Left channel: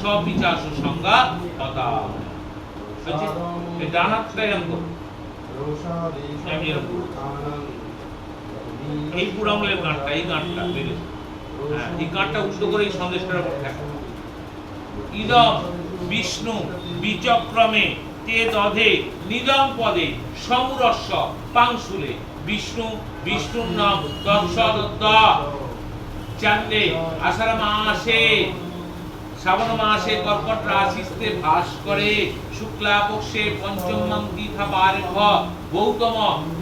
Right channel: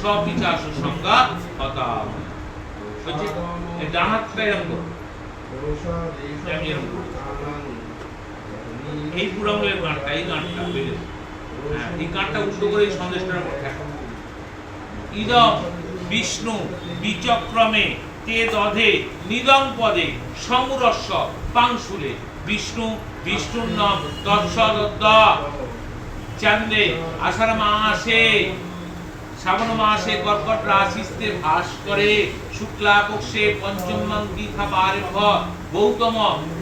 সবিচাস সংজ্ঞা হতা হচ্ছে। এই ডান হাতটা এরকম এই পুরো আঙুলের গাঁটটা, এই গাঁটটা বেড়ে, হ্যাঁ এই গাঁটটা উল্টো করে এই সন্দেশটার উপর থাকে। ইদম বিষ্ণু বিচক্রমে তে দধে নিদম পদে সমুরস্য পাংশুলে। বিষ্ণু বিষ্ণুর নাম তৎসদ চাঁদে আষাঢ় মাসে শ্রাবণ মাসে কর্কট রাশিতে ভাস করে। শুক্লা পক্ষে পঞ্চম দীঘা বারেভ গৌতম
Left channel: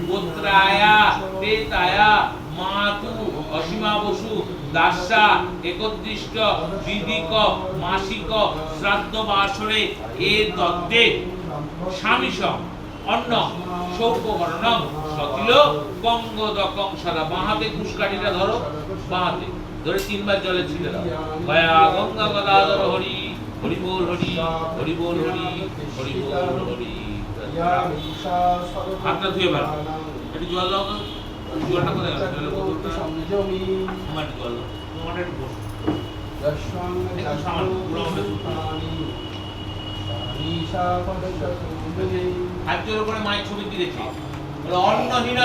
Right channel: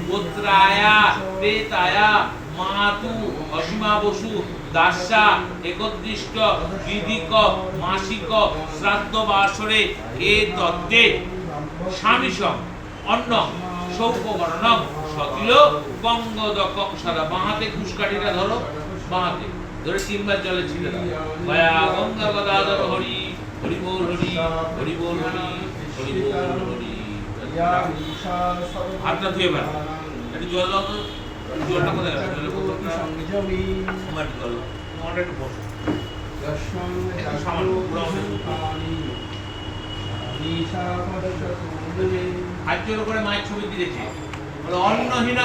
গোত্রায়া প্রেতায়া মাতু অসীমা বসু দাসা একদৃষ্ট বিধিক মাসিক শ্রাদ্ধ বাসরে এ তত্ত্বে স্বামীসম অন্ন সৌপবর্ণম সকিল গঙ্গদকং সদা। বাঁহাতে কুশকাঠিটা ধরো, বাঁহাতে ধরে 3 বার জলে ছিটে দাও। গয়া গঙ্গা গদাধর হরি হরি বল হরি হরি বল হরি হরি বল হরি। হাতটা ধুয়ে বার একটু জল দাও, জলটা কোথায় আছে? জল জল তোমার একটু বসো, সামান্য পুরো হাতের উপরে মায়ের ছবি দিয়েছে। অন্নহীন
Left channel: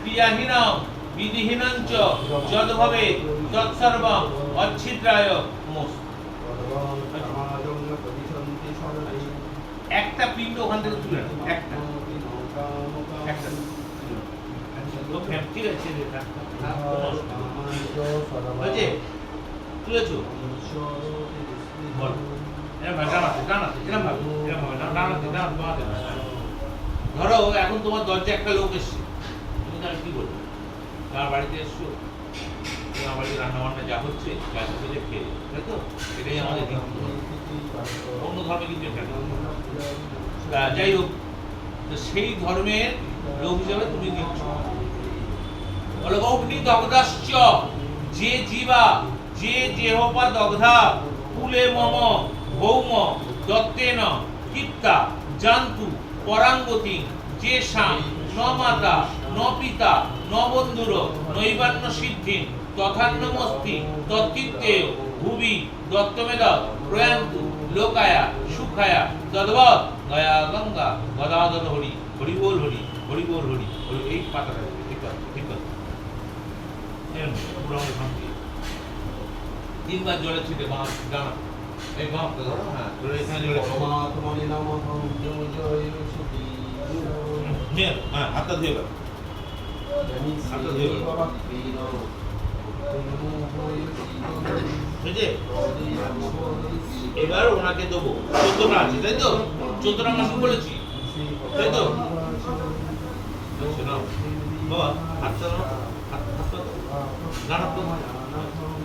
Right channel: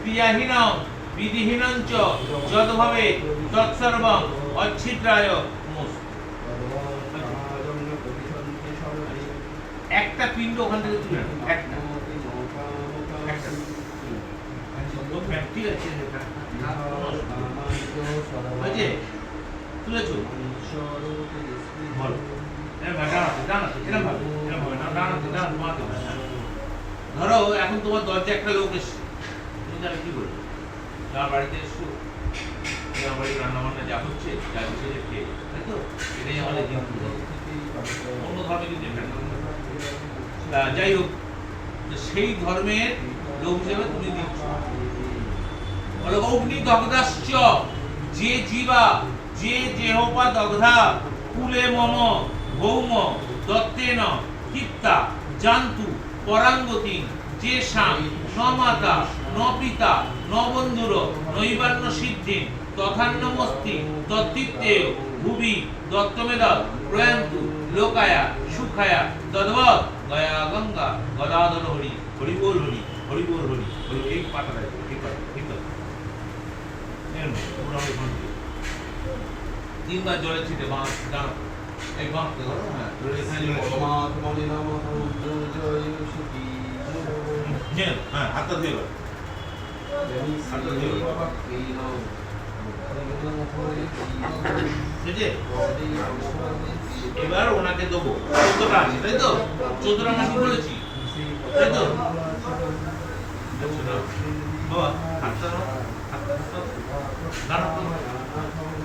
ক্রিয়াহীন বিধিহীনঞ্চ যদ্ভাবে তৎসর্বং অচ্ছিদ্রায় নমস্তে। একটা পিণ্ড ওখান থেকে তুলে নাও, একটা একটা তো ঠিক আছে, বুঝে তুলেছো? বলো ধরো এখন তোমার দরজা একটা লোক এসছে, তুমি তাহলে কি বলবে? তোমার বাড়িতে এসছো, আমার বাড়িতে রান্না বান্না যা হচ্ছে যা হচ্ছে যে খেয়ে, তাই তো? এটাই আমাদের হিন্দু ধর্ম। অন্য ধর্মে কিন্তু এটা যাই হোক, সেই ধর্মের লোক হিসেবে তুমি দেখছো। বলো অগ্নি দগ্ধাশ্চ যে জীবা যে জেহপা দগ্ধা কুলে মম ভৌম দত্তেন কিত্তা জান্তু পরাঙ্গতি যে শাম ন মাতা ন পিতা ন বন্ধুর নৈবান্য সিদ্ধি তথান্নমস্তি তত্ত্বিত্তেয় ভুবি দত্তমেদ প্রয়ান্তু লোকায়া সুখায়া তদ্বৎ গয়া গঙ্গা গদাধর হরি হরি বল হরি হরি বল হরি হরি। এই পাতাটা ঠিক আছে, ঠিক আছে। পুরো আমাদের শান্তি 3 বার জলে ছিটে বাঁশ ডানা এই বাঁশটা ধরো, হ্যাঁ ধরে এখানে জলে হ্যাঁ হাতটা ধুয়ে গেল, হাতটা ধুয়ে গেল, বুঝে? এবার ওনাকে দেবো 14টা আছে, তাই তো? 14টা মাসি বলেছি, তাই তো? বাবা হাতটা হাতটা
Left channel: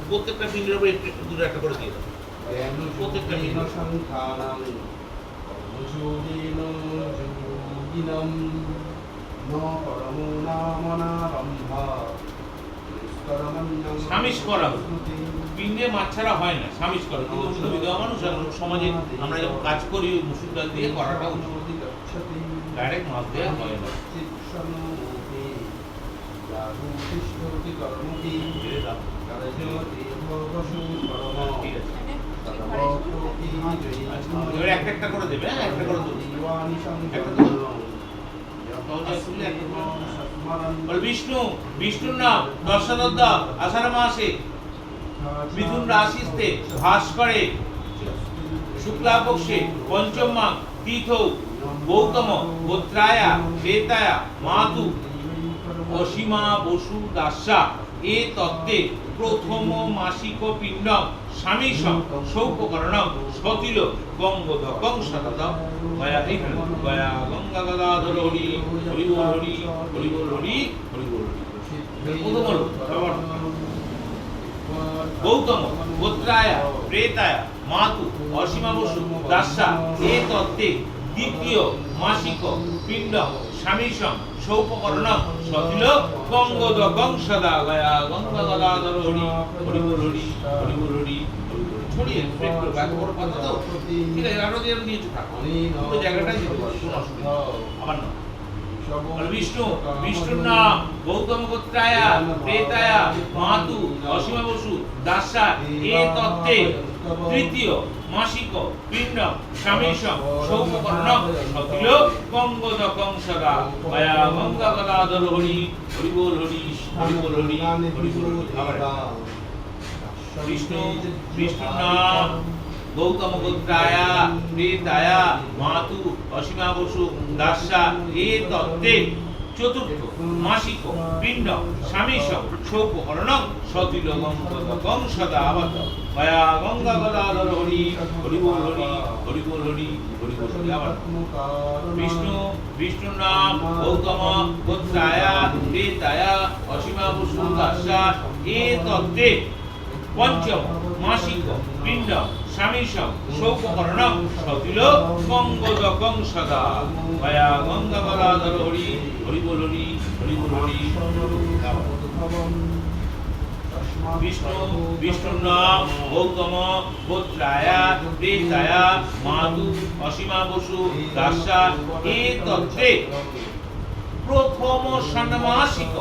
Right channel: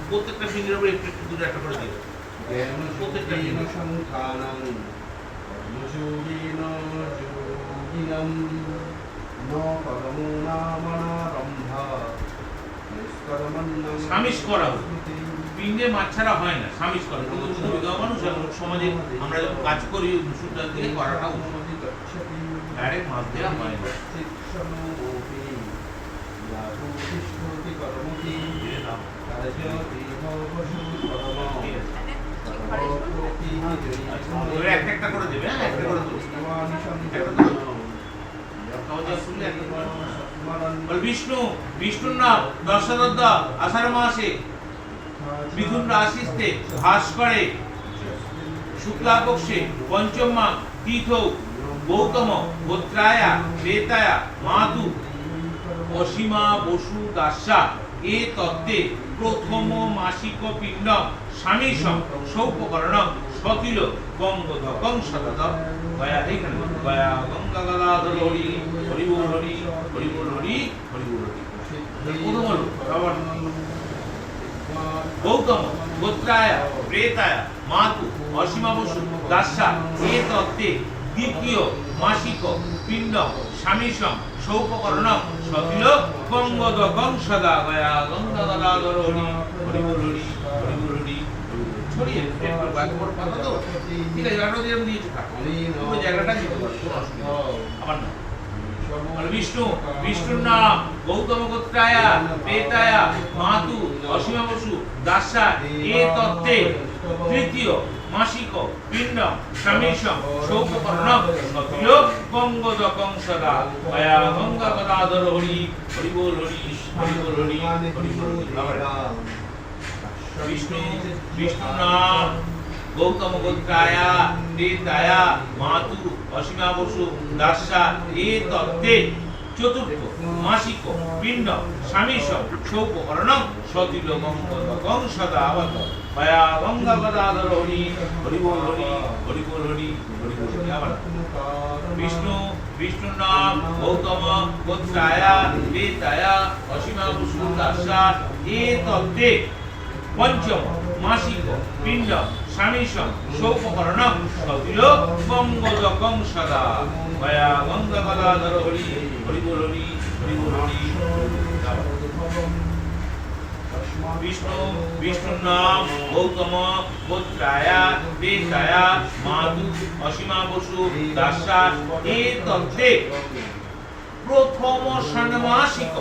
প্রত্যেকটা ফিঙ্গারের উপরে একটু একটু দূরে একটা করে দিয়ে দাও। প্রত্যেকটা ফিঙ্গার সামিশ করা, পিণ্ডে মাছ ছাড়া হয় না, সামিশ করা। তুমি বিধবা মানুষ, সমাজে আমরা যখন কাজ করি মুসুর ডাল দিয়ে করাটা উচিত, ডাইরেক্ট মাছ দেওয়া হয় না। একটা একটা করে দেবে, হ্যাঁ একটা করে দেবে। বিষ্ণু বিষ্ণুর নাম দর্শনদ্দ আষাঢ় মাসে মিথুন রাশিতে ভাস করে। শুক্লা পক্ষে পঞ্চম মাস তীর্থ গৌতম গোত্রায়া প্রেতায়া মাতু অসীমা বসু দাসা এ তত্ত্বে প্রথম মাসিক পিণ্ড স্বামীসম সৌপকর্ণম সকিল গঙ্গদকং সতত। গয়া এখানে গয়া গঙ্গা গদাধর হরি হরি বল হরি হরি বল হরি হরি বল হরি। প্রথম হলো গৌতম গোত্রায়া প্রেতায়া মাতু অসীমা বসু দাসা এ তত্ত্বে দ্বিতীয় মাসিক পিণ্ড স্বামীসম সৌপকর্ণম সকিল গঙ্গদকং সদা। গয়া গঙ্গা গদাধর হরি হরি বল হরি হরি বল হরি। ছড়িয়ে একটু বাইক বড় পাতা তো ঠিক আছে, আরো যেরকম দিয়েছো থাকো ওই জায়গাটা দিতে পারো, কোনো অসুবিধা আবার না। আর বিষ্ণু বিষ্ণুর নাম গৌতম গোত্রায়া প্রেতায়া মাতু অসীমা বসু দাসা এ তত্ত্বে তৃতীয় মাসিক পিণ্ডম স্বামীশম সৌপকর্ণম সতিল গঙ্গদ কংসদা মায়া গঙ্গা গদাধর হরি হরি বল হরি হরি বল হরি হরি বল হরি। বিষ্ণু বিষ্ণুর নাম গৌতম গোত্রায়া প্রেতায়া মাতু অসীমা বসু দাসা এ তত্ত্বে চতুর্থ মাসিক পিণ্ড স্বামীশম সৌপকর্ণম সতিল গঙ্গদকং সদা আবত মায়া গঙ্গা গদাধর হরি হরি বল হরি হরি বল হরি হরি বল হরি। আবার বিষ্ণু বিষ্ণুর নাম গৌতম গোত্রায়া প্রেতায়া অসীমা বসু দাসা এ তত্ত্বে পঞ্চম মাসিক পিণ্ড স্বামীশম সৌপকর্ণম সতিল গঙ্গদকং সদা মায়া গঙ্গা গদাধর হরি হরি বল হরি হরি বল হরি। বিষ্ণু বিষ্ণুর নাম গৌতম গোত্রায়া প্রেতায়া মাতু অসীমা বসু দাসা এ তত্ত্বে প্রথম ষান্মাসিক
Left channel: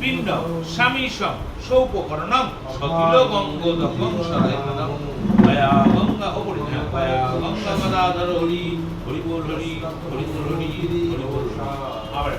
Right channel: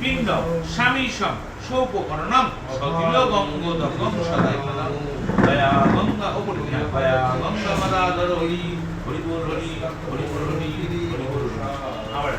পিণ্ড স্বামীশম সৌপকর্ণম সতিল গঙ্গদকং সদা মায়া গঙ্গা অপরিজ্ঞা মায়া গঙ্গা গদাধর হরি হরি বল হরি হরি বল হরি হরি বল হরি। আবার